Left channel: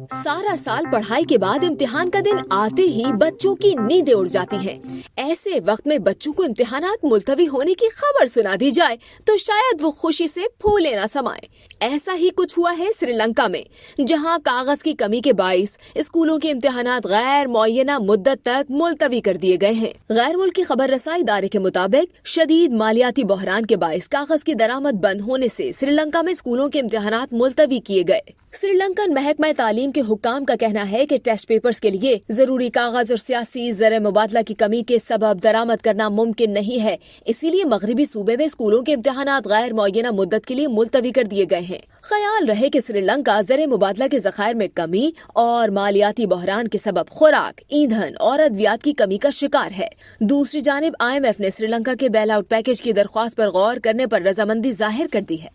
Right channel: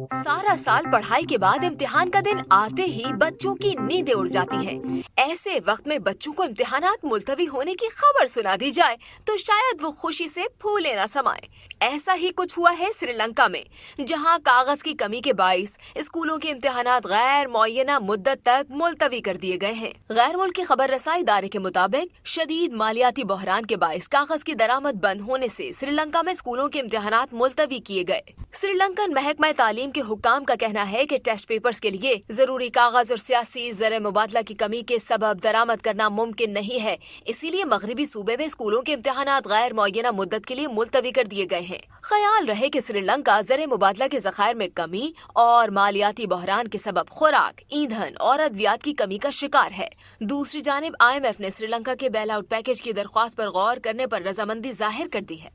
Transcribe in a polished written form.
सारा साल पढ़ाई के बाद इम्तिहान का दिन आते ही बच्चों की नींदें उड़ जाती हैं। ऐसे वक्त में बच्चों को इम्तिहानात मुलतवी होने की खबर सुना दी जाए तो शायद वो खुशी से फूले न समाए। ऐसा ही कुछ हुआ है श्रीलंका में, जहां कागज की कमी के बाइस स्कूलों के इम्तिहानात गैर मुअय्यना मुद्दत तक मुलतवी कर दिए गए हैं। गैर मुल्की खबर रसाई इदारे के मुताबिक शदीद मालियाती बहरान के बाइस कागज की दरामद बंद होने से श्रीलंका में स्कूलों के इम्तिहानात मुलतवी किए गए। श्रीलंकन महकमा तालीम के हुक्काम का कहना है कि टेस्ट पेपर्स के लिए जरूरी कागज और सियासी ज़र मुबादला की कमी के सबब दरामद करना मुमकिन नहीं है। इसीलिए मगरबी सूबे में स्कूलों के इम्तिहानात गैर मुअय्यना मुद्दत के लिए मुलतवी कर दिए गए हैं। ख्याल रहे कि श्रीलंका ज़र मुबादला के ज़खायर में कमी और मालियाती बहरान के सबब खुराक, ईंधन और अद्वियात की कमी का शिकार है। दूसरी जानिब IMF ने श्रीलंका के बेल आउट पैकेज की दरख्वास्त पर गौर करने पर रजामंदी जाहिर कर दी है।